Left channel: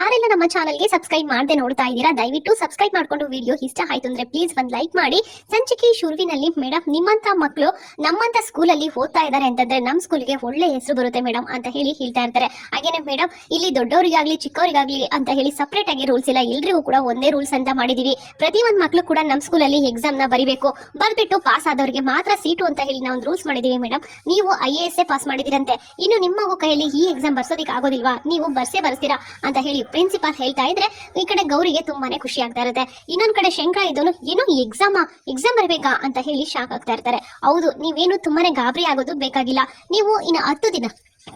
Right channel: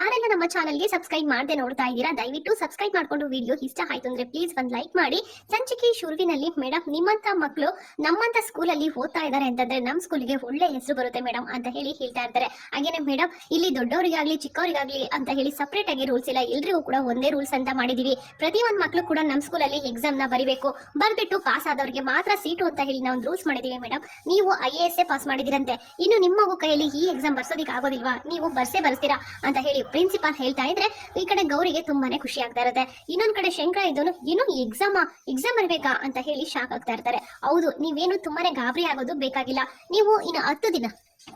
ಯಾರೆಲ್ಲ ನಮ್ಮ ಚಾನಲ್ಗೆ ಸಬ್ಸ್ಕ್ರೈಬ್ ಮಾಡದೆ ನೋಡ್ತಾ ಇದ್ದೀರಾ, ದಯವಿಟ್ಟು ಸಬ್ಸ್ಕ್ರೈಬ್ ಮಾಡ್ಕೊಂಡು ವಿಡಿಯೋ ಇಷ್ಟ ಆಯ್ತು ಅಂದ್ರೆ ಪ್ಲೀಸ್ ಒಂದು ಲೈಕ್ ಮಾಡಿ. ಸಂಚಿಕೆ ಶುರುವಿನಲ್ಲಿ ಮೇಡಮ್ ನಿಮ್ಮಂತ ಮಕ್ಕಳು ನಮ್ಮಂತ ಸ್ಕೂಲಲ್ಲಿ ಓದ್ತಾ ಇದ್ದಾರೆ ಅಂತಂದ್ರೆ ನಮ್ಮ ಸ್ಕೂಲ್ಗೆ ಒಳ್ಳೆ ಹೆಸರು ಬರುತ್ತೆ ಮೇಡಮ್ ಅಂತ ಹೇಳಿ ಹೇಳ್ತಾ ಇರ್ತಾರೆ. ಹಾಗೇನೆ ಮೇಡಮ್ ಇಲ್ಲಿ ದೊಡ್ಡವರಿಗಾಗ್ಲಿ, ಚಿಕ್ಕವರಿಗಾಗ್ಲಿ ಅಂತ ಹೇಳಿ ಸಪ್ರೇಟ್ ಆಗಿ ರೂಲ್ಸ್ ಇಲ್ಲ, ಎಲ್ರಿಗೂ ಕೂಡ ಒಂದೇ ರೂಲ್ಸ್ ಅಂತ ಮಾಡಿದೀವಿ. ಪ್ರತಿ ಒಂದು ಮಕ್ಕಳು ಕೂಡ ನಮ್ಮ ಸ್ಕೂಲಲ್ಲಿ ಎಕ್ಸಾಮ್ನ ಬರಿಬೇಕು. ಬರ್ಬಿಟ್ಟು ಪಾಸ್ ಆದವರಿಗೆ ಮಾತ್ರ ಸೀಟು ಅಂತ ಹೇಳಿ ನಾವು ರೂಲ್ಸ್ ಮಾಡಿದೀವಿ ಮೇಡಮ್ ನೀವು I A S A pass ಮಾಡಿದಿರಂತೆ. ಇನ್ನು ನಿಮ್ಮ ಕೈಯಲ್ಲಿ ಈ ಎಕ್ಸಾಮ್ ಬರ್ಸೋದಕ್ಕೆ ಆಗೋದಿಲ್ವಾ? ನೀವು ಬರ್ಸೇ ಬರ್ಸ್ತೀರಾ ಅಂತ ಹೇಳಿ ಪ್ರಿನ್ಸಿಪಾಲ್ ಹೇಳ್ತಾ ಇದ್ರೆ, ಈ ಕಡೆ ಗೌರಿಗೆ ತುಂಬಾನೇ ಖುಷಿ ಆಗ್ತಾ ಇರುತ್ತೆ. ಇನ್ನೊಂದ್ ಕಡೆ ಶಂಕರ ಇದನ್ನು ಏನು ಎಕ್ಸಾಮ್ ಎಕ್ಸಾಮ್ ಬರಬೇಕಾ? ಅಂತ ಹೇಳಿ ಶಾಕ್ ಆಗ್ತಾ ಇರ್ತಾರೆ. ಹೌದು, ನೀವೇನು ತುಂಬಾನೇ ಗಾಬರಿ ಆಗೋದು ಬೇಕಾಗಿಲ್ಲ. ನೀವು ಇನ್ನು ಹತ್ತು ದಿನ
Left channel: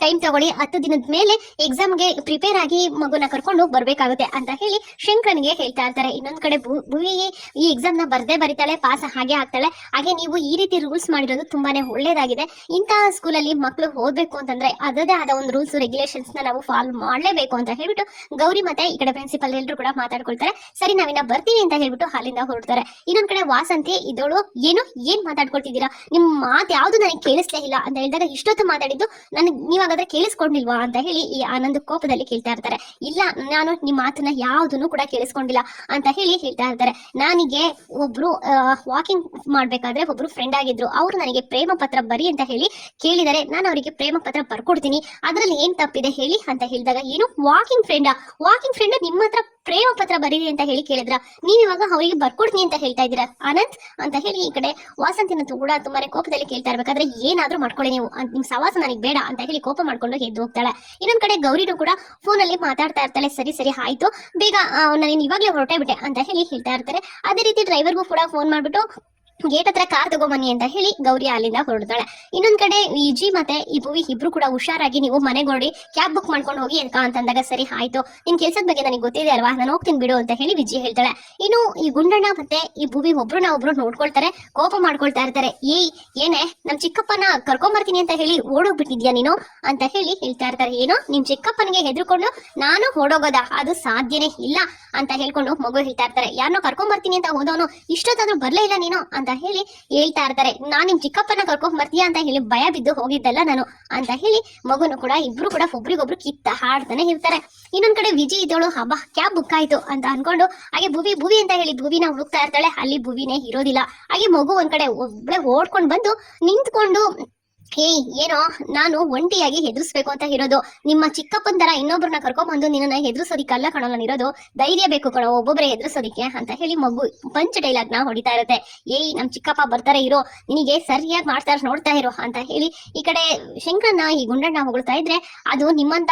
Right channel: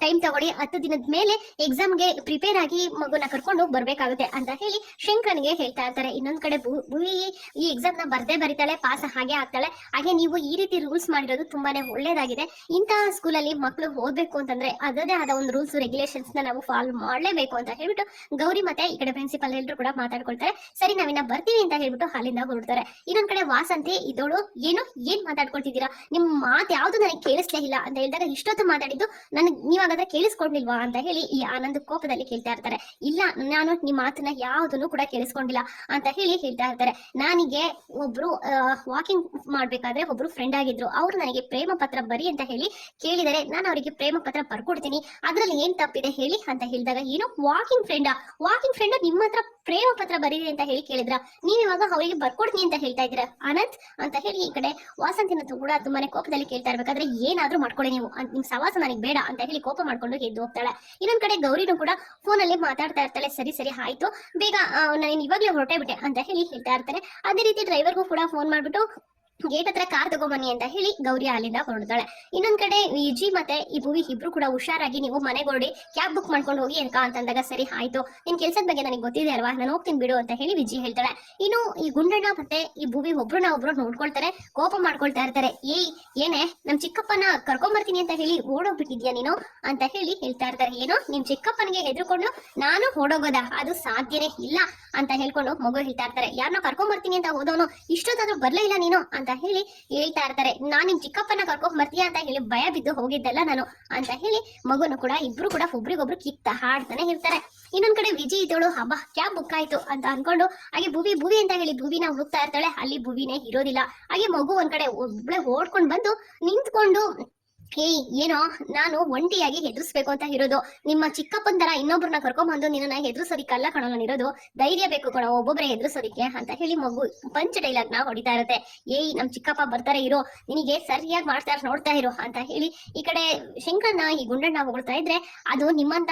ಟೈಮ್ ತಗೊಳ್ಳಿ, ಹತ್ತು ದಿನದ ಮೇಲೆ ಎಕ್ಸಾಮ್ಗೆ ಪ್ರಿಪೇರ್ ಆಗಿ ಮಗುನ ಕರ್ಕೊಂಡು ಬರ್ಬೇಕಾಗುತ್ತೆ ಅಂತ ಹೇಳಿ ಶಂಕರನ್ಗೆ ಹೇಳ್ತಾ ಇರ್ತಾರೆ. ಇನ್ನೊಂದ್ ಕಡೆ ಭೂಮಿ ಈ ಎಕ್ಸಾಮ್ನ ಬರ್ದೇ ಬರಿತಾಳೆ ಪಾಸ್ ಹಾಗೆ ಆಗ್ತಾಳೆ. ಹಾಗೆ ನೀವು ಈ ರೀತಿ ರೂಲ್ಸ್ ಮಾಡಿರೋದು ತುಂಬಾನೇ ಒಳ್ಳೇದಾಗಿದೆ. ಇಂತಹ ಸ್ಕೂಲಲ್ಲಿ ಮಕ್ಕಳು ಓದ್ಬೇಕು ಅಂತಂದ್ರೆ ಅದದೇ ಆದ ಒಂದು ರೂಲ್ಸ್ ರೆಗ್ಯುಲೇಷನ್ಸ್ನ ನಾವು ಫಾಲೋ ಮಾಡಲೇಬೇಕು ಅಂತ ಹೇಳ್ಬಿಟ್ಟು ಗೌರಿ ಮತ್ತೆ ಈ ಕಡೆ ಪ್ರಿನ್ಸಿಪಲ್ ಎಲ್ಲರೂ ಕೂಡ ಮಾತಾಡ್ಕೊಳ್ತಾರೆ. ಸರಿ, ನಾವಿನ್ನ ಬರ್ತೀವಿ ಅಂತ ಹೇಳ್ಬಿಟ್ಟು ಅಲ್ಲಿಂದ ಹೊರಡ್ತಾರೆ. ಇನ್ನೊಂದ್ ಕಡೆ ವಾಸಂತಿ, ಇದೋಳು, ಏನು, ಏನ್ ಮಾತಾಡ್ಕೊಳ್ತಿದ್ದೀರಾ? ನಿಮ್ ಮಾತು ಯಾವ್ದು ನನಗೆ ಕೇಳಿಸ್ಲೇ ಇಲ್ಲ ಅಂತ ಹೇಳಿದಾಗ ಇಷ್ಟೊತ್ತು ಮಾತಾಡಿದ್ದು ನನಗೆ ನೀವಾಗಾದ್ರೆ ಕೇಳಿಸ್ಕೊಂಡಿಲ್ವಾ ಅಂತ ಹೇಳಿ ಈ ಆನಂದ್ ಕೋಪದಲ್ಲಿ ಕೇಳ್ತಾ ಇರ್ತಾರೆ. ಇಲ್ಲ, ನಾನು ನಿಮ್ಮ ಮಾತನ್ನ ಯಾವ್ದನ್ನು ಕೂಡ ಕೇಳಿಸ್ಕೊಂಡಿಲ್ಲ ಅಂತ ಹೇಳಿ ಹೇಳ್ತಾ ಇರ್ತಾರೆ. ನನಗೆ ಒಬ್ರು ವಾಕಿಂಗ್ ಮಾಡ್ಬೇಕಾದ್ರೆ ಒಬ್ರು ಫ್ರೆಂಡ್ ಆಗಿದ್ರು. ಅವ್ರು ನನಗೆ ಪ್ರೇಮ ಪತ್ರ ಬರಿ ಅಂತ ಹೇಳಿ ಕೇಳಿದರೆ ನಾನು ಅವರಿಗೆ ಪ್ರೇಮ ಪತ್ರ ಬರ್ಕೊಡ್ತೀನಿ. ಅದ್ರಲ್ಲಿ ಏನ್ ತಪ್ಪಿದೆ ಹೇಳಿ ಅಂತ ಹೇಳಿದಾಗ, ಏನು? ವಾಕಿಂಗ್ ಫ್ರೆಂಡ್ ವಾಕಿಂಗ್ ಫ್ರೆಂಡ್ ನಿಮ್ಮ ಹತ್ರ ಪ್ರೇಮ ಪತ್ರ ಬರೀರಿ ಅಂತ ಹೇಳಿ ಕೇಳಿದ್ರ. ನೀವ್ ಇವಾಗ ಅವರಿಗೆ ಬರ್ಕೊಡ್ತೀನಿ ಅಂತ ಹೇಳ್ತಾ ಇದ್ದೀರಾ? ಅನಂತ್ ಅಂತ ಹೇಳಿ ಈ ಕಡೆ ವಾಸಂತಿನ ಕೂಡ ತುಂಬಾನೇ ಕೋಪದಲ್ಲಿ ಕೇಳ್ತಾ ಇರ್ಬೇಕಾದ್ರೆ ಏನಾದ್ರೂ ಮಾಡ್ಕೊಳ್ಳಿ ನೀವು. ನಿಮ್ ಸವಾಸ ನನಗೆ ಬೇಡ ಅಂತ ಹೇಳಿ ಕೋಪ ಮಾಡ್ಕೊಂಡು ಎದ್ದು ಹೋಗ್ತಾಳೆ. ಇನ್ನೊಂದ್ ಕಡೆ ಗೌರಿನೂ ಕೂಡ ಫೋನಲ್ಲಿ ಮಾತಾಡ್ತಾ ಇರ್ತಾಳೆ, ಸರಿ ಸರಿ, ಆಯ್ತು. ಬೇಗ ನಾನು ಇವಾಗಲೇ ಹೊರಟೇ ಬಿಟ್ಟೆ, ಅಂತ ಹೇಳಿ ಹೇಳ್ತಾ ಇರ್ತಾರೆ. ಅದೇ ರೀತಿ ಡ್ರೈವರ್ಗೂ ಕೂಡ ಫೋನ್ ಮಾಡ್ಬಿಟ್ಟು ಗೇಟ್ ಹತ್ರ ಕಾರ್ ತಗೊಂಬನ್ನಿ ಅಂತ ಹೇಳಿ ಗೌರಿ ಅಲ್ಲಿಂದ ಹೊರಡ್ತಾಳೆ. ಇನ್ನೊಂದ್ ಕಡೆ ವಿಜಿ ಮತ್ತೆ ಈ ಭುವಿ ಇಬ್ರು ಕೂಡ ಹುಷಾರಾಗಿ ನೀವು ಮನೆಗೆ ಹೊರಡಿ, ಕ್ಯಾಬ್ ಬುಕ್ ಮಾಡ್ಕೊಂಡು ಹೋಗಿ ಅಂತ ಅಂತಂದಾಗ ಸರಿ ಆಯ್ತು. ನಿನ್ ಕೆಲ್ಸದ ಬಗ್ಗೆ ನನಗೆ ಗೊತ್ತಿದೆ ಅಲ್ವಾ? ನಾನು ಹೋಗ್ತೀನಿ ಬಿಡು ಅಂತ ಹೇಳಿ ವಿಜಿ ಹೇಳ್ತಾಳೆ. ಇನ್ನು ಈ ಗುಂಡಣ್ಣ ಮತ್ತೆ ಈ ಭುವಿ ಒಬ್ರನ್ನ ಒಬ್ರು ನೋಡ್ಕೊಳ್ತಾರೆ, ಕೋಪ ಮಾಡ್ಕೊಳ್ತಾ ಇರ್ತಾರೆ. ಏಯ್, ಏನೇ, ನಮ್ ಚಿಕ್ಕಪ್ಪನ ಕರ್ಕೊಂಬರ್ತೀನಿ ಅಂತ ಹೇಳಿ ಓಡೋಗ್ಬಿಟ್ಟಿದ್ಯಾ ನೀನು ಅಂತ ಹೇಳಿ ಹೇಳ್ತಾ ಇರ್ತಾರೆ. ಏನೋ, ನಿಮ್ ಚಿಕ್ಕಪ್ಪನಿಗೆ ಹೆದರ್ಕೊಂಡು ನಾನು ಓಡೋಗೋದ? ಅದು ಸಾಧ್ಯನೇ ಇಲ್ಲ ಅಂತ ಹೇಳ್ಕೊಂಡು ಮಗು ಹೇಳ್ತಾ ಇರ್ತಾರೆ. ಯಾರನ್ನೋ ಕರ್ಕೊಂಬರ್ತೀನಿ ಅಂತ ಹೋದವನು ಇಷ್ಟೊತ್ತಾದ್ರೂ ಬರ್ಲೇ ಇಲ್ಲ ನೀನು ಅಂತ ಹೇಳಿ ಹೇಳ್ತಾ ಇರ್ತಾರೆ. ನಾನ್ ನಿಮ್ ಚಿಕ್ಕಪ್ಪನ ಕರ್ಕೊಂಡ್ ಬರ್ತೀಯಾ ಅಂತ ಹೇಳಿ ಭಯ ಬಿದ್ದು ಹೋಗಿದ್ದಲ್ಲ ನಾನು ಅಂತ ಹೇಳಿ ಮಗುನು ಕೂಡ ಇಬ್ರು ಕೂಡ ಒಬ್ರಿಗೊಬ್ರು ಕಿತ್ತ ಹಾಡ್ತಾನೆ ಇರ್ತಾರೆ ಇನ್ನೊಂದ್ ಕಡೆ ವಿಜಿ ಇದ್ದವಳು, ಹಬ್ಬ, ಕ್ಯಾಬ್ ಬುಕ್ ಆಯ್ತು ಅಂತ ಅನ್ಕೊಂಡು, ಹಾಗೆ ಭುವಿ ಭುವಿ ಅಂತ ಹೇಳಿ ಭುವಿನ ಹುಡುಕ್ತಾ ಇರ್ತಾಳೆ. ಅಲ್ಲಿ ಭುವಿನೇ ಇರೋದಿಲ್ಲ. ಹಾಗೆ ಮಗು ಒಂದ್ ಕಡೆ ಒಬ್ಳೆ ಓಡ್ಕೊಂಡ್ ಬಂದು ನಿಂತ್ಕೊಂಡು ಏಯ್ ಏನೋ? ನಾನು ಒಂಟಿಯಾಗಿ ಹೆದರ್ಸ್ಬೇಕು ಅಂತ ಇರೋದು. ನಿಮ್ಮ ಚಿಕ್ಕಪ್ಪನ ತರ ಇನ್ನೊಬ್ರನ್ನ ಕರ್ಕೊಂಡ್ಬಂದು ನಿನ್ನ ಹೆದರ್ಸೋದಿಕ್ಕಲ್ಲ ಕಣೋ ನಾನು ಇರೋದು. ಧೈರ್ಯ ಬೇಕು ಕಣೋ ಒಬ್ಬೊಬ್ಬರೇ ಹೆದರ್ಸೋದಿಕ್ಕೆ ಅಂತ ಹೇಳಿ ಮಗು ಪಂಚ್ ಡೈಲಾಗ್ನ ಹೊಡಿತಾ ಇರುತ್ತೆ. ಏಯ್, ನಮ್ ಚಿಕ್ಕಪ್ಪ ಬರ್ತಾರೆ ಇರೋ, ನಿನಗೆ ಸರಿಯಾಗಿ ಮಾಡ್ತಾರೆ ನೋಡ್ತಾ ಇರೋ ಅಂತ ಹೇಳಿ ಈ ಕಡೆ ಶಂಕರನ್ನ, ಈ ಗುಂಡಣ್ಣ ಹೊಗಳ್ತಾ ಇದ್ರೆ ಅದು ನಿಮ್ಮಂತ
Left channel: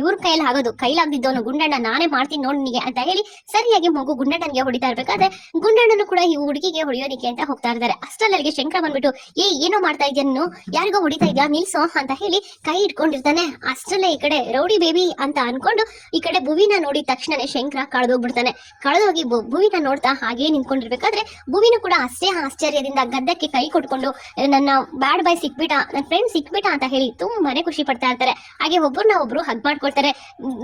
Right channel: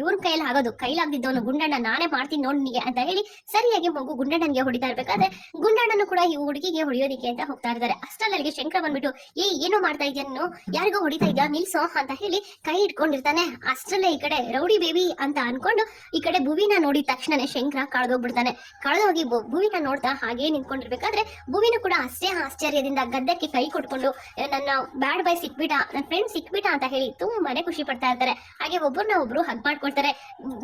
ಇವ್ರ ಕೈಯಲ್ಲಿ ಆಗೋದು. ಕೈಲಾಗ್ದಿದ್ದವನು ಗುಂಡಣ್ಣ, ನಾನೇ ಮಾಡ್ತೀನಿ ನೋಡ್ ನಿನಗೆ ಅಂತ ಹೇಳಿ ಸರಿಯಾಗಿ ಮಗು ಗುಂಡಣ್ಣನ್ಗೆ ಹೊಡಿತಾ ಇರ್ಬೇಕಾದ್ರೆ ಗುಂಡಣ್ಣನು ಕೂಡ ಈ ಹುಡುಗಿಗೆ ಹೊಡೆಯೋದಿಕ್ಕೆ ಅಂತ ಹೋಗ್ತಾ ಇರ್ತಾರೆ ಅಷ್ಟರಲ್ಲಿ ಶಂಕರ ಬಂದ್ಬಿಟ್ಟು ಏ ಏನೋ ಮಾಡ್ತಾ ಇದ್ಯಾ ನೀನು? ಯಾರಿಗೋ ಹೊಡಿತಾ ಇದ್ಯಾ? ನಿಲ್ಸು ಅಂತ ಹೇಳಿ ಕೈ ಇಟ್ಕೊಂಡಿರ್ತಾನೆ. ಅಷ್ಟರಲ್ಲೇ ಈ ಕಡೆ ರೌಡಿ ಬೇಬಿ ಅಂತ ಅನ್ಕೊಂಡು ಈ ಕಡೆ ಭುವಿನ ನೋಡಿದ ತಕ್ಷಣನೇ ಶಂಕರ ಕಳೆದೋಗ್ಬಿಡ್ತಾನೆ. ಕಳೆದೋಗಿ ಭೂವಿನ ನೋಡ್ತಾ ಹಾಗೆ ನಿಂತ್ಕೊಂಡಿರ್ಬೇಕಾದ್ರೆ ಭುವಿನ ಕೂಡ ಅಷ್ಟೇ ಆಶ್ಚರ್ಯದಿಂದ ಗದ್ದಕ್ಕೆ ಕೈ ಕೊಟ್ಕೊಂಡು ನನ್ನ ಬ್ಯಾಡ್ ಬಾಯ್ ಸಿಕ್ಬಿಟ ನನ್ನ ಫ್ರೆಂಡ್ ಸಿಕ್ಬಿಟ ಅಂತ ಹೇಳಿ ತುಂಬಾನೇ ಖುಷಿ ಪಡ್ತಾ ಇರ್ತಾರೆ. ಹಾಗೆ ಒಬ್ಬರನ್ನ ಒಬ್ರು ಹಗ್ ಮಾಡ್ಕೊಳ್ತಾರೆ.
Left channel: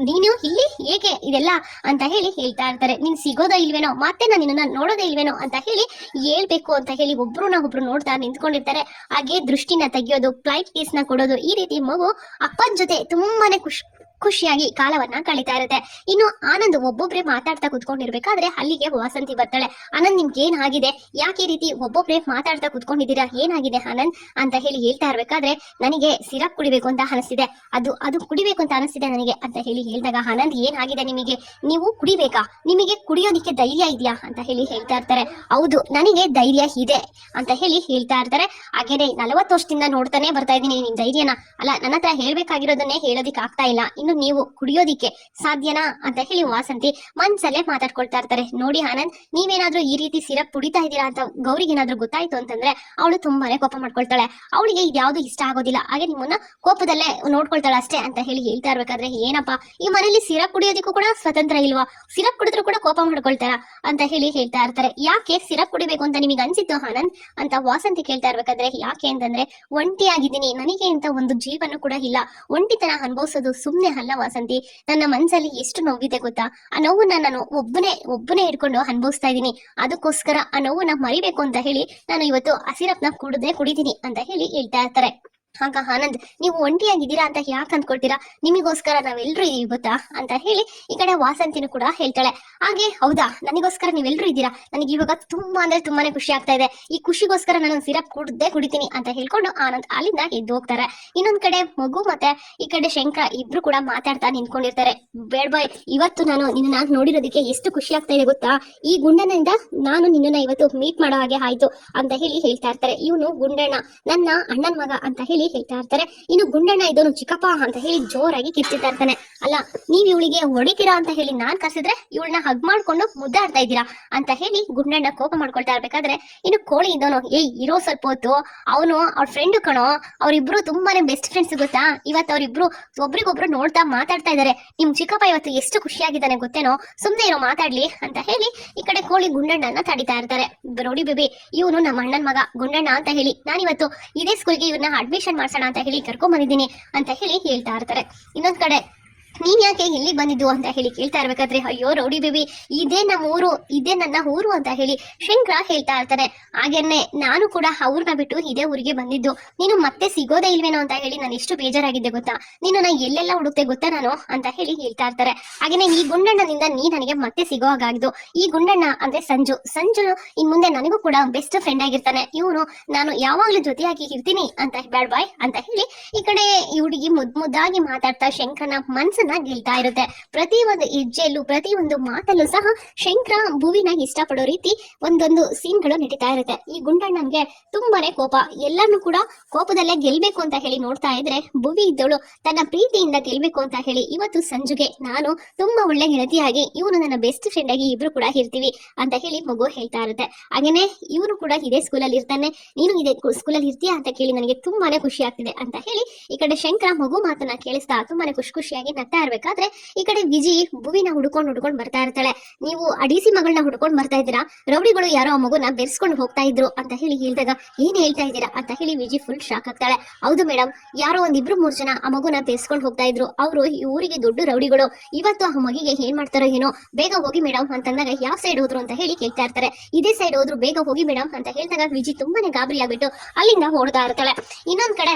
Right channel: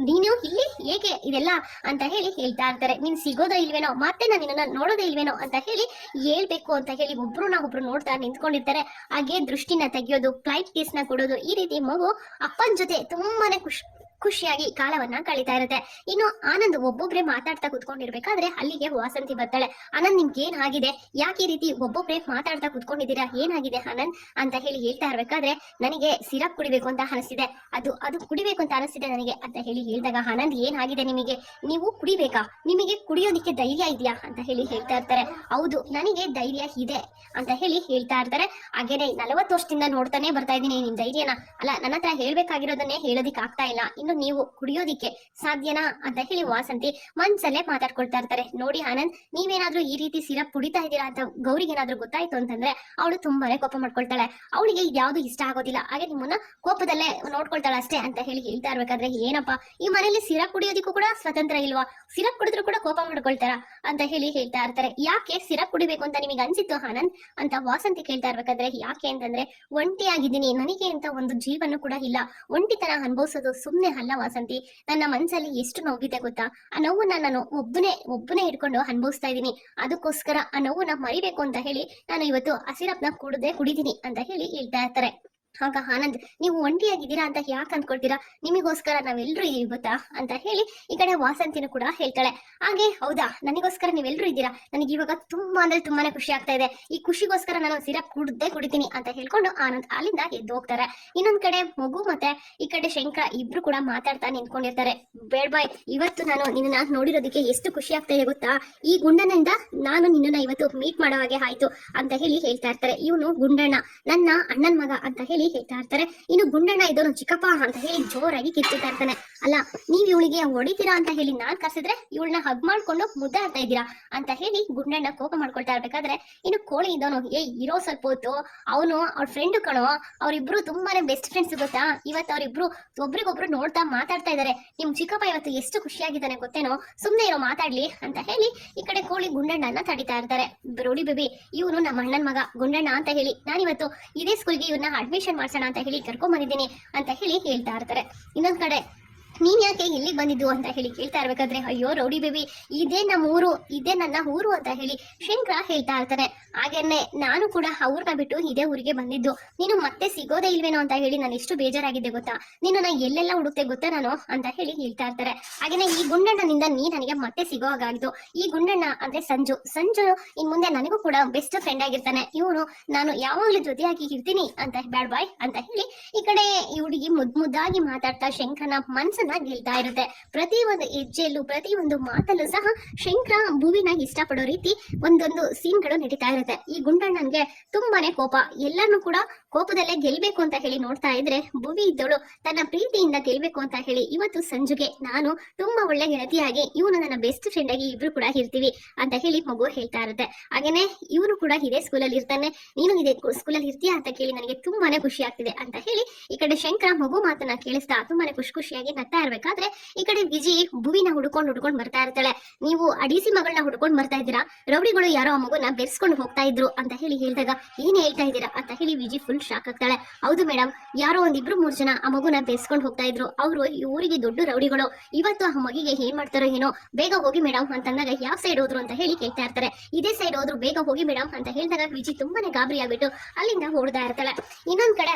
ನೀನು ಇಲ್ಲಿ ಹೇಗೆ ಇದೆಲ್ಲ ಅಂತ ಹೇಳಿ ಹೇಳ್ತಾ ಇರ್ತಾರೆ. ನೀನ್ ಸಿಗೋದೋ ಇಲ್ವೇನೋ, ಮತ್ತೆ ನಾನು ನಿನ್ನ ನೋಡೋದೇ ಇಲ್ವೇನೋ ಅಂತ ಹೇಳಿ ಹೇಳ್ಬೇಕು ಅಂತ ಹೇಳಿ ಒಬ್ರನ್ನ ಒಬ್ರು ನೋಡ್ತಾ ನಿಂತ್ಕೊಂಡಿರ್ತಾರೆ. ಹಾಗೆ ದೃಷ್ಟಿನ ತೆಗಿಯೋದು ಫ್ಲೈಟ್ ಕೇಸ್ನ ಕೊಡೋದು ಈ ರೀತಿ ಮಗು ಅಪ್ಪನ ಜೊತೆ ತುಂಬಾನೇ ಖುಷ್ ಖುಷಿಯಾಗಿ ಕಾಲವನ್ನ ಕಳೀತಾ ಇರುತ್ತೆ. ಇನ್ನು ಆನಂದ್ ಒಬ್ಬೊಬ್ರೆ ಮಾತಾಡ್ತಾ ಕುತ್ಕೊಂಡಿರ್ಬೇಕಾದ್ರೆ ಅಲ್ಲಿಗೆ ವಾಸಂತಿ ಬರ್ತಾಳೆ. ಆನಂದ್, ನಿಮ್ಗೆ ಏನಾಗಿದೆ ಯಾಕೆ ಈ ರೀತಿ ಒಬ್ಬೊಬ್ರೆ ಮಾತಾಡ್ತಾ ಕುತ್ಕೊಂಡಿದ್ದೀರಾ? ಏನಾಗಿದೆ ಆನಂದ್? ಅಂತ ಹೇಳಿ ಹೇಳ್ತಾ ಇರ್ಬೇಕಾದ್ರೆ ನನಗೆ ಸಿರಪ್ ಕುಡಿಬೇಕು ಅಂತ ಅನಿಸ್ತಿದೆ. ಅದು ಅದು ಕುಡಿಬೇಕು ಅಂತ ಅನಿಸ್ತಿದೆ ನನಗೆ ಅಂತ ಹೇಳಿ ಹೇಳಿದಾಗ, ಆನಂದ್ ಏನಾಗಿದೆ ನಿಮಗೆ? ನೀವು ಕುಡಿಬೇಕಾ? ನಿಮಗೆ ಕುಡಿಯೋದಿಕ್ಕೆ ಧೈರ್ಯ ಇದೆಯಾ? ಅಂತ ಹೇಳಿ ಹೇಳ್ತಾ ಇರ್ತಾರೆ. ಹೌದು, ನನಗೆ ಧೈರ್ಯ ಇದೆ ಅಂತ ಹೇಳಿ ಹೇಳ್ತಾ ಇರ್ತಾರೆ. ಹಾಗೇನೆ ನಲವತ್ತು ವರ್ಷದಿಂದ ನೋಡ್ತಾನೆ ಬರ್ತಾ ಇದ್ದೀನಿ. ನಿಮ್ ಧೈರ್ಯನ, ಅಲ್ಲ, ನನ್ನ ಹತ್ರ ಹೇಳ್ಬೇಕಾಗಿರೋದನ್ನೇ ಹೇಳೋದಿಕ್ ಆಗ್ತಾ ಇಲ್ಲ ನೀವು ಕುಡಿಯೋದಿಕ್ಕೆ ಸಾಧ್ಯನಾ ಅಂತ ಹೇಳಿ ವಾಸಂತಿ ಮನ್ಸಲ್ಲೇ ಮಾತಾಡ್ಕೊಳ್ತಾ ಇರ್ತಾರೆ. ನೋಡಿ ಆನಂದ್, ನೀವೇನಾದ್ರೂ ಈ ರೀತಿ ಸಿರಪ್ ಕುಡಿತಾ ಇದ್ದೀರಾ ಅಂತ ಗೌರಿಗೆ ಏನಾದ್ರೂ ಗೊತ್ತಾಯ್ತು ಅಂತಂದ್ರೆ ಅವಳು ತುಂಬಾನೇ ಕೋಪ ಮಾಡ್ಕೊಳ್ತಾಳೆ. ಅವಳಿಗೆ ಇದ್ಯಾವುದು ಇಷ್ಟ ಆಗೋದಿಲ್ಲ. ಹಾಗೆ ನಿಮ್ಮನ್ನ ಕೋಪದಲ್ಲೇ ನೋಡ್ಕೊಳ್ತಾಳೆ ಅಷ್ಟೇ ಅಂತ ಹೇಳಿ ಹೇಳ್ತಾ ಇರ್ಬೇಕಾದ್ರೆ ಏನಪ್ಪಾ? ಈ ಮನೇಲಿ ಸಿರಪ್ ಕುಡಿಯೋದಿಕ್ಕೂ ಕೂಡ ಸ್ವತಂತ್ರ ಇಲ್ವಾ? ಸಿರಪ್ ಕುಡಿದ್ರು ಕೂಡ ಕೋಪ ಮಾಡ್ಕೊಳ್ತಾರ ಅಂತ ಹೇಳಿ ಹೇಳ್ತಾ ಇರ್ತಾರೆ. ಯಾಕೆ ಸಿರಪ್ ಕುಡಿಬೇಕು ಅಂತ ನಿಮಗೆ ಅನ್ಸಿತ್ತು ಆನಂದ್ ಅಂತ ವಾಸಂತಿ ಕೇಳ್ತಾ ಇರ್ಬೇಕಾದ್ರೆ ಯಾಕೆ ಅಂತಂದ್ರೆ, ಒಂಟಿಯಾಗಿದ್ದೀನಿ. ನನಗೆ ಅಂತ ಒಂದು ಜೀವನ ಕೂಡ ಇಲ್ಲ. ಒಂಟಿತನ ಅನುಭವಿಸೋದು ಸುಮ್ನೆ ಅಲ್ಲ ವಾಸಂತಿ ನನ್ನ ಮನ್ಸಲ್ಲಿ ಎಷ್ಟು ನೋವಿದೆ ಗೊತ್ತಾ? ಆ ನೋವನ್ನ ನಾನು ಒಬ್ಬನೇ ಒಬ್ಬನೇ ಇಟ್ಕೊಂಡು ಅನುಭವಿಸ್ತಾ ಇದ್ದೀನಿ. ಅದಕ್ಕೋಸ್ಕರ ಆ ನೋವನ್ನ ಮರಿಬೇಕು ಅಂತ ಹೇಳಿ ನಾನು ಇವತ್ತು ಹಸಿರಪ್ನ ಕುಡ್ದೆ ಕುಡಿದೀನಿ ಅಂತ ಹೇಳಿ ಹೇಳ್ತಾ ಇರ್ತಾರೆ. ಆಗ ಆನಂದ್ ನೀವು ಒಂಟಿಯಾಗಿದ್ದೀರಾ ಅಂತ ಯಾಕೆ ಅಂದ್ಕೊಳ್ತೀರಾ? ನಿಮಗೋಸ್ಕರ ನಾವೆಲ್ಲರೂ ಇದೀವಿ, ಗೊತ್ತಾ? ಅಂತ ಹೇಳಿ ಈ ಕಡೆ ವಾಸಂತಿನೂ ಕೂಡ ಹೇಳ್ತಾಳೆ. ಹಾಗೆ, ಹೌದಾ? ನನಗೋಸ್ಕರ ನೀವೆಲ್ಲರೂ ಇದ್ದೀರಾ ನನಗೆ ಇವಾಗ ತುಂಬಾ ಅಂದ್ರೆ ತುಂಬಾನೇ ಖುಷಿ ಆಗ್ತಾ ಇದೆ. ಈ ಖುಷಿಗೋಸ್ಕರ ನಾನು ಸಿರಪ್ ಕುಡ್ದೆ ಕುಡಿತೀನಿ ಅಂತ ಹೇಳ್ಕೊಂಡು ಆನಂದ್ ಅಲ್ಲಿಂದ ಎದ್ದು ಹೋಗ್ತಾರೆ. ಇನ್ನೊಂದ್ ಕಡೆ ಮಗು ಮತ್ತೆ ಈ ಕಡೆ ಶಂಕರ ಇಬ್ರು ಕೂಡ ಮಾತಾಡ್ತಾ ನಿಂತ್ಕೊಂಡಿರ್ತಾರೆ. ಬೇಡ್ ಬಾಯ್, ಇವತ್ತು ನಾನು ನಿನ್ನ ನೋಡಿರೋದಕ್ಕೆ ಎಷ್ಟು ಖುಷಿ ಆಗ್ತಾ ಇದೆ ಗೊತ್ತಾ? ಈ ಗುಂಡನಿಂದ ನಾನು ನಿನ್ನನ್ನ ಇವತ್ತು ಮೀಟ್ ಮಾಡೋ ಹಾಗೆ ಆಯ್ತು ಅಂತ ಹೇಳಿ ಹೇಳ್ತಾ ಇರ್ತಾರೆ. ಇವನು ಗುಂಡಣ್ಣ, ನನ್ನ ಅಣ್ಣನ ಮಗ ಅಂತ ಹೇಳಿ ಹೇಳ್ತಾ ಇರ್ತಾರೆ. ಇನ್ನು ಗುಂಡಣ್ಣ ಇದನ್ನು ಚಿಕ್ಕಪ್ಪ ಅಂತ ಹೇಳಿ ಜೋರಾಗಿ ಕಿರ್ಚಿತಾ ಇರ್ತಾನೆ. ಅಲ್ಲ, ನೀವ್ ಇವಳಿಗೆ ಹೊಡಿತೀರಾ ಅಂತ ಹೇಳಿ ನಾನ್ ಕರ್ಸಿದ್ರೆ ಇವಳನ್ನ ಹಗ್ ಮಾಡ್ಕೊಂಡು ಮುದ್ದಾಡ್ತಾ ಇದ್ದೀರಾ ಅಂತ ಹೇಳಿ ಗುಂಡಣ್ಣ ಕೋಪ ಮಾಡ್ಕೊಳ್ತಾ ಇರ್ಬೇಕಾದ್ರೆ, ಇನ್ನು ಕೋಳಿ ಇದನು ಏ ಇರೋ ಸ್ವಲ್ಪ ಹೊತ್ತು. ಅವನು, ಅವ್ರ ಫ್ರೆಂಡ್ ಕಣೋ, ಅವ್ರಿಬ್ರು ತುಂಬಾನೇ ಬೆಸ್ಟ್ ಫ್ರೆಂಡ್ಸ್ ಗೊತ್ತಾ? ಇವತ್ತು ಅವ್ರಿಬ್ರು ಒಬ್ರಿಗೊಬ್ರು ನೋಡ್ತಾ ಮಾತಾಡ್ತಾ ಇದಾರೆ ನಿಮ್ ಚಿಕ್ಕಪ್ಪ ಇವತ್ತು ಎಷ್ಟು ಖುಷಿಯಾಗಿದ್ದಾನೆ ಗೊತ್ತೇನೋ? ಸುಮ್ನೆ ಏನೋ ಮಾತಾಡ್ಲಿ ಅಂತ ಹೇಳಿ ಈ ಕಡೆ ಕೋಳಿ ಗುಂಡಣ್ಣನ ತಡಿತಾ ಇರ್ತಾರೆ. ರೋಡಿ ಬೇಬಿ, ಇವನು ನಮ್ಮ ಅಣ್ಣನ ಮಗ, ಗುಂಡಣ್ಣ ಅಂತ ಹೇಳಿ. ನಾನಿವತ್ತು ಇದೇ ಸ್ಕೂಲ್ಗೆ ಇವ್ರನ್ನ ಅಡ್ಮಿಷನ್ ಮಾಡ್ಸೋಣ ಅಂತ ಹೇಳಿ ಕರ್ಕೊಂಡ್ ಬಂದಿದ್ದೀನಿ ಅಂತ ಹೇಳಿ ಹೇಳ್ತಾ ಇರ್ತಾರೆ. ಇನ್ನೊಂದ್ ಕಡೆ ನೀನ್ ಯಾಕೆ ಎಲ್ಲಿ ಬಂದಿದ್ದು ಅಂತ ಹೇಳಿ ಕೇಳ್ತಾ ಇರ್ಬೇಕಾದ್ರೆ, ಅಯ್ಯೋ ರೌಡಿ ಬಿವಿ ಇದೇ ನಮ್ಮ ಊರು, ಇದೇ ನನ್ನ ಊರು ಅಂತ ಹೇಳಿ ಶಂಕರ ಹೇಳ್ತಾ ಇರ್ತಾನೆ. ಹಾಗೇನೆ ನಾನು ಕೂಡ ಅವ್ರನ್ನ ಬಿಟ್ಟು ಇದೇ ಊರಿಗೆ ಬಂದಿದ್ದು. ನೀನು ಮತ್ತೆ ಸಿಗೋದೇ ಇಲ್ವೇನೋ ಅಂತ ಹೇಳಿ ನಾನು ಎಷ್ಟು ಬೇಜಾರಾಗಿದ್ದೆ ಗೊತ್ತಾ? ನಿನ್ನ ಎಲ್ಲೆಲ್ಲ ಹುಡುಕ್ತೆ ಗೊತ್ತಾ ನಾನು ಅಂತ ಹೇಳಿ ಹೇಳ್ತಾ ಇರ್ತಾರೆ. ಹಾಗೇನೆ ಈ ಗುಂಡಣ್ಣನಿಂದ ನೀ ನನಗೆ ಮತ್ತೆ ಸಿಗೋ ಹಾಗಾಗ್ದು ಈ ಗುಂಡಣ್ಣ ಅಂದ್ರೆ ಸಂಜು. ಸಂಜು ಇನ್ ಮುಂದೆ ನನಗೂ ಕೂಡ ಬೆಸ್ಟ್ ಫ್ರೆಂಡ್ ಆಗಿರ್ತಾನೆ. ಇವನು, ನಾನು ಯಾವಾಗ್ಲೂ ಜೊತೆಯಾಗಿ ಇರ್ತೀನಿ ಅಂತ ಬ್ಯಾಡ್ ಬಾಯ್ ಅಂತ ಹೇಳಿ ಈ ಕಡೆ ಈ ಹುಡುಗಿ ಮುದ್ ಮುದ್ದಾಗಿ ಮಾತಾಡ್ತಾ ಶಂಕರನ ಮನ್ಸನ್ನ ಗೆಲ್ತಾ ಇರುತ್ತೆ. ಪ್ರತಿ ಒಂದು ಹೆಜ್ಜೆಯಲ್ಲೂ, ಪ್ರತಿ ಒಂದು ಮಾತಲ್ಲೂ ಸಹ ಶಂಕರ ಭುವಿನ ಇಷ್ಟಪಡೋ ರೀತಿ ಒಂದೊಂದು ಸೀನ್ಗಳು ನಡೀತಾ ಇರುತ್ತೆ. ಈ ಗುಂಡಣ್ಣನ್ಗೆ ತುಂಬಾನೇ ಕೋಪ. ಎಲ್ಲಾನು ಕೂಡ ಕೋಪದಲ್ಲೇ ಗೆಲ್ಬೇಕು ಅಂತ ಹೇಳಿ ನೋಡ್ತಾ ಇದ್ರೆ ಭುವಿ ಇದ್ದವಳು ತನ್ನ ಪ್ರೀತಿಯಿಂದ ಗೆಲ್ಬೇಕು ಅಂತ ಹೇಳಿ ಇವತ್ತು ಸಂಜುಗೆ ನಾನು ತುಂಬಾ ಒಳ್ಳೆ ಗೆಳತಿಯಾಗಿ, ಇವನು ನನ್ನ ಬೆಸ್ಟ್ ಫ್ರೆಂಡ್ ಆಗಿ ಇಬ್ರು ಕೂಡ ಇರ್ತೀವಿ ಅಂತ ಹೇಳಿ ಮಗು ಹೇಳ್ತಾ ಇರುತ್ತೆ. ಹಾಗೇನೆ ಇವನು ಕೂಡ ಇದೇ ಸ್ಕೂಲಲ್ಲಿ ಇರ್ತಾನೆ. ನೀನು ಇದೇ ಸ್ಕೂಲಲ್ಲಿ ಇರ್ತೀಯಾ ಅಂತ ಕೇಳಿ ನನಗೆ ತುಂಬಾನೇ ಖುಷಿ ಆಗ್ತಿದೆ ಅಂತ ಹೇಳಿ ಈ ಕಡೆ ಶಂಕರ ಮಗು ಮಾತನ್ನ ಕೇಳಿಸ್ತಾ ತುಂಬಾನೇ ಖುಷಿ ಖುಷಿಯಾಗಿ ನಗ್ತಾ ಇರ್ಬೇಕಾದ್ರೆ ಈ ಕಡೆ ವಿಜಿ ಭುವಿನ ಹುಡ್ಕೊಂಡ್ ಹುಡ್ಕೊಂಡು ಬರ್ತಾ ಇರ್ತಾಳೆ. ನೀವು ಅಡಿಸಿ ಮಗಳನ್ನ ಹುಡ್ಕೊಂಡು ಬರ್ತಾ ಇದ್ದೀರಾ? ರೌಡಿಗಳು ಯಾರೋ ಆ ಮಗುನ ಬೆರೆಸ್ಕೊಂಡು ಹೋಗ್ತಾ ಇದ್ರು ಅಂತ ಹೇಳಿ ಹೇಳಿದಾಗ ಏನ್ ಹೇಳ್ತಾ ಇದ್ದೀರಾ ಅಂತ ಹೇಳಿ ವಿಜಿ ಫುಲ್ ಶಾಕ್ ಆಗ್ತಾಳೆ. ಹೌದು ಮೇಡಮ್ ಯಾರೋ ಒಂದ್ ಇಬ್ರು ಮೂರ್ ಜನ ಆ ಮಗುನ ಬೆರೆಸ್ಕೊಂಡು ಹೋಗ್ತಾ ಇದ್ರು. ಅವರು ಈ ಊರಿಗೆ ದೊಡ್ಡ ರೌಡಿಗಳು. ಇವತ್ತು ಆ ಮಗಿಗೆ ಏನ್ ಮಾಡ್ತಾರೋ ಏನೋ, ಬೇಗ ಹೋಗಿ ಮೇಡಮ್ ಅಂತಂದಾಗ ಯಾವ ಸೈಡ್ ಹೋದ್ರು ಅಂತ ಹೇಳಿ ಕೇಳ್ತಾ ಇರ್ತಾರೆ. ಇದೇ ಸೈಡ್ ಹೋದ್ರು ಬೇಗ ಹೋಗಿ ಮೇಡಮ್ ಅಂತ ಹೇಳಿದಾಗ ವಿಜಿ ತುಂಬಾನೇ ಗಾಬರಿ ಆಗ್ಬಿಟ್ಟು ಅಲ್ಲಿಂದ ಓಡ್ತಾ ಇರ್ತಾಳೆ. ಇನ್ನೊಂದ್ ಕಡೆ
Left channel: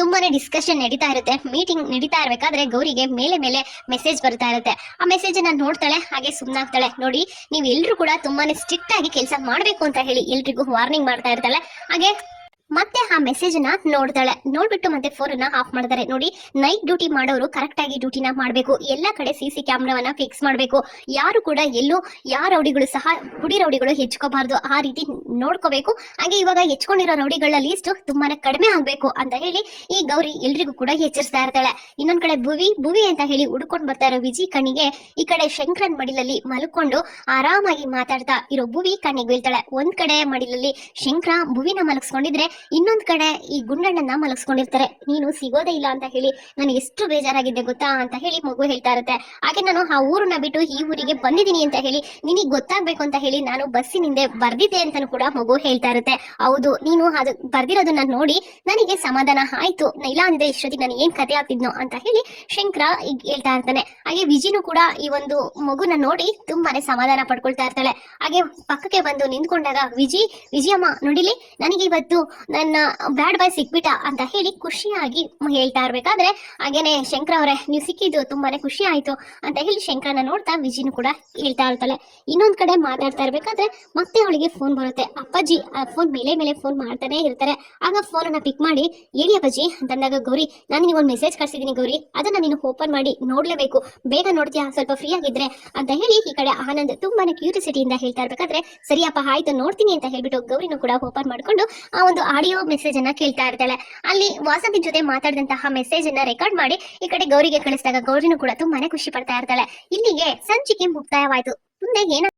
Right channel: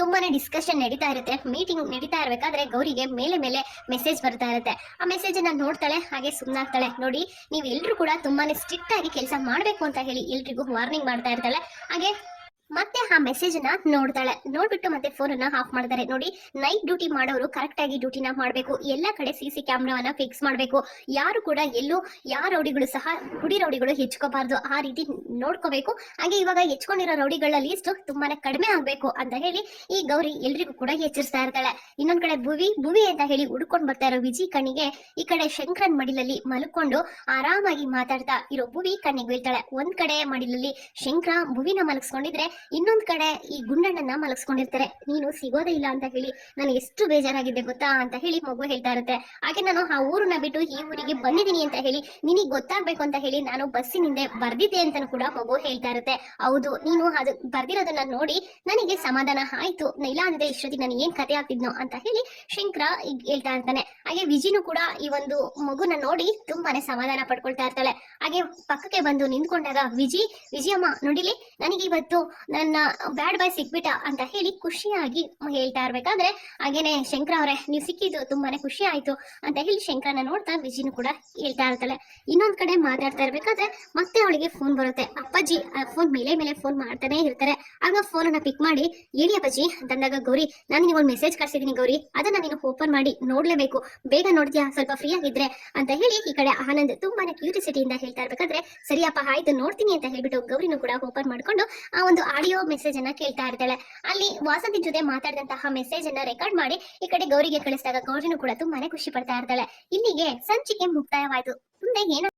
ತುಂಬಾನೇ ಡಿಸ್ಕಷನ್ ನಡೀತಾ ಇರುತ್ತೆ. ಮೀಟಿಂಗ್ ನಡೀತಾ ಇರ್ಬೇಕಾದ್ರೆ ಗೌರಿಗೆ ಮೇಲೆ ಮೇಲೆ ಮೆಸೇಜ್ ಬರ್ತಾ ಇರುತ್ತೆ. ಆ ಮೆಸೇಜ್ ಅನ್ನ ನೋಡ್ತಾಳೆ, ಹಾಗೆ ಸುಮ್ಮನಾಗ್ತಾಳೆ ನೋಡಿ, ನೀವು ಎಲ್ರು ಕೂಡ ತುಂಬಾನೇ ಸ್ಟ್ರಿಕ್ಟ್ ಆಗಿ ಕೆಲಸ ಮಾಡ್ಬೇಕು ಅಂತ ಹೇಳಿ ಎಲ್ರಿಗೂ ವಾರ್ನಿಂಗ್ ಮಾಡ್ತಾ ಇರ್ತಾಳೆ. ಹಾಗೆ ಮತ್ತೆ ಆ ಮೆಸೇಜ್ನ ನೋಡ್ತಾಳೆ. ನೋಡ್ಬಿಟ್ಟು ಮತ್ತೆ ಫೋನ್ ಅನ್ನ ಆಫ್ ಮಾಡ್ತಾರೆ. ನೋಡಿ ನೈಟ್ ಡ್ಯೂಟಿ ಮಾಡೋರು ಕರೆಕ್ಟ್ ಆಗಿ ಡ್ಯೂಟಿನ ಮಾಡಬೇಕು. ಎಲ್ಲ ಕಡೆ ಸಿ ಸಿ ಕ್ಯಾಮ್ರಾವನ್ನ ಫಿಕ್ಸ್ ಮಾಡಬೇಕು. ಯಾರು ಕೂಡ ಎಲ್ಲೂ ಯಾವ ರೌಡಿಗಳು ಸಹ ಹುಡಿ ರೌಡಿಗಳು ಹೆಚ್ಕೋಬಾರ್ದು. ಆ ರೀತಿ ನೋಡ್ಕೋಬೇಕು. ಹಾಗೆ ಇವಾಗ ಹೆಚ್ಕೊಂಡಿರೋ ರೌಡಿಗಳ ಲಿಸ್ಟ್ ತುಂಬಾನೇ ಕಡಿಮೆ ಆಗ್ಬೇಕು ಅಂತ ಹೇಳಿ ಈ ಗೌರಿ ಎಲ್ರಿಗೂ ಕೂಡ ಎಚ್ಚರಿಸ್ತಾ ಇರ್ತಾಳೆ. ಇನ್ನೊಂದ್ ಕಡೆ ಭುವಿ ಭುವಿ ಅಂತ ಹೇಳಿ ಹುಡ್ಕೊಂಡ್ ಬರ್ತಾ ಇರೋ ವಿಜಿ ಕಣ್ಣಿಗೆ. ಈ ಕಡೆ ಶಂಕರನ್ ಮಡಿಲಲ್ಲಿ ಮಲ್ಕೊಂಡು ಆರಾಮಾಗಿ ಮಾತಾಡ್ತಾ ಇರೋ ಭುವಿ ಕಣ್ಣಿಗೆ ಬೀಳ್ತಾಳೆ. ಒಂದ್ ಕಡೆ ಮಡಿಲಲ್ಲಿ ಶಂಕರ ಭುವಿನ ಮಲಗಿಸ್ಕೊಂಡಿದ್ರೆ ಇನ್ನೊಂದ್ ಕಡೆ ಈ ಗುಂಡಣ್ಣನ ಮಲಗಿಸ್ಕೊಂಡಿರ್ತಾರೆ. ನೀನು ಸಿಗೋದೇ ಇಲ್ಲ ಅಂತ ಹೇಳಿ ನಾನು ಎಷ್ಟು ಬೇಜಾರಾಗಿದ್ದೆ ಗೊತ್ತಾ ಅಂತ ಹೇಳಿ ಮಗು ಹೇಳ್ತಾ ಇರುತ್ತೆ. ಹಾಗೆ ನಾನು ಆ ಊರನ್ನ ಬಿಟ್ಟು ಈ ಊರಿಗೆ ಬಂದಿದ್ದೀನಿ ಅಂತ ಹೇಳಿ ನಿನಗೆ ಗೊತ್ತಾಗ್ಬೇಕು ಅಂತ ಹೇಳಿ ನಾನು ಬಸ್ಸಿನಿಂದ ಬರ್ದಿದ್ದೆ ಅಂತಾನು ಕೂಡ ಮಗು ಹೇಳ್ತಾ ಇರುತ್ತೆ. ಹೌದು, ನೀನು ಅದು ಬರ್ದಿರೋದನ್ನ ನೋಡಿ ನನಗೆ ಸಮಾಧಾನ ಆಯ್ತು. ಇಲ್ಲ ಅಂದ್ರೆ ಇಷ್ಟೊತ್ತಿಗೆ ನಾನು ಏನ್ ಕತೆ ಆಗ್ತಿದ್ನೋ ಅಂತ ಹೇಳಿ ಶಂಕರ ಹೇಳ್ತಾ ಇರ್ತಾನೆ. ಹಾಗೆ ವಿಜಿನು ಕೂಡ ಈ ಒಂದು ಮಗುನ ನೋಡಿ ತುಂಬಾನೇ ಸಮಾಧಾನ ಪಡ್ಕೊಳ್ತಾ ಇರ್ತಾಳೆ. ಹಾಗೆ ಪಕ್ಕಕ್ಕೆ ಬಂದು ನಿಂತ್ಕೊಂಡಾಗ, ವಿಜಿ, ವಿಜಿಯಮ್ಮ ನೋಡಿಲಿ ನನಗೆ ಇವತ್ತು ನನ್ನ ಬ್ಯಾಡ್ ಬಾಯ್ ಸಿಕ್ಬಿಟ್ಟ ಅಂತ ಹೇಳಿ ಖುಷಿಯಾಗಿ ಹೇಳ್ತಾ ಇರ್ಬೇಕಾದ್ರೆ ಹಾಗೇನೆ ಶಂಕರ ಅವರೇ, ನೀವು ಸಿಕ್ಕಿದ್ದು ತುಂಬಾನೇ ಖುಷಿ ಆಯ್ತು ಅಂತ ಹೇಳಿ ಶಂಕರನ ನೋಡ್ತಾ ವಿಜಿನು ಕೂಡ ಹೇಳ್ತಾ ಇರ್ತಾಳೆ. ಇನ್ನೊಂದ್ ಕಡೆ ಮಾತಾಡ್ತಾ ಇರ್ಬೇಕಾದ್ರೆ ಮತ್ತೆ ಅವಳಿಗೆ ಫೋನ್ ಬರುತ್ತೆ. ಅಪ್ಪಾಜಿ, ಆ ಫೋನ್ ಮೇಲೆ ಮೇಲೆ ಫೋನ್ ಮಾಡ್ತಾನೆ ಇರ್ತಾರೆ. ಆಗ ಫೋನ್ ಅನ್ನ ಪಿಕ್ ಮಾಡಿ, ಹೇಳಿ ಅಪ್ಪಾಜಿ, ಅಂತಂದಾಗ ಗೌರಿ, ನಾನು ನಿನಗೊಂದು ಮೆಸೇಜ್ ಕಳ್ಸಿದೀನಿ ಗೌರಿ. ಅದನ್ನ ನೀನು ಓಪನ್ ಮಾಡಿ, ನೋಡ್ಲೇಬೇಕು. ಬೇಗ ನೋಡ್ತೀಯಾ? ಸ್ವಲ್ಪ ಫ್ರೀ ಆಗಿದ್ರೆ, ಅಂತ ಹೇಳಿ ಈ ಕಡೆ ಆನಂದ್ ತುಂಬಾನೇ ಕ್ಯೂರಿಯಾಸಿಟಿಯಿಂದ ಹೇಳ್ತಾ ಇರ್ಬೇಕಾದ್ರೆ, ಸರಿಯಪ್ಪ, ಆಯ್ತು, ನೋಡ್ತೀನಿ, ಅಂತ ಹೇಳ್ಬಿಟ್ಟು ಗೌರಿನೂ ಕೂಡ ಓಪನ್ ಮಾಡ್ಕೊಂಡು ಆ ಒಂದು ಆಡಿಯೋ ಮೆಸೇಜ್ ಅನ್ನ ಕೇಳ್ತಾ ಇರ್ತಾಳೆ. ಅಲ್ಲಿ ವಾಸಂತಿ ಜೊತೆ ಮಾತಾಡಿದಂತಹ ಮೆಸೇಜ್ ಅನ್ನ ರೆಕಾರ್ಡ್ ಮಾಡಿ ಈ ಕಡೆ ಗೌರಿಗೆ ಕಳಿಸಿದಾಗ ಗೌರಿನೂ ಕೂಡ ತುಂಬಾನೇ ಖುಷಿ ಪಡ್ತಾ ಇರ್ತಾಳೆ. ಇಲ್ಲಿಗೆ ಸಂಚಿಕೆ ಮುಕ್ತಾಯವಾಯ್ತು. ಮುಂದೆ ಏನ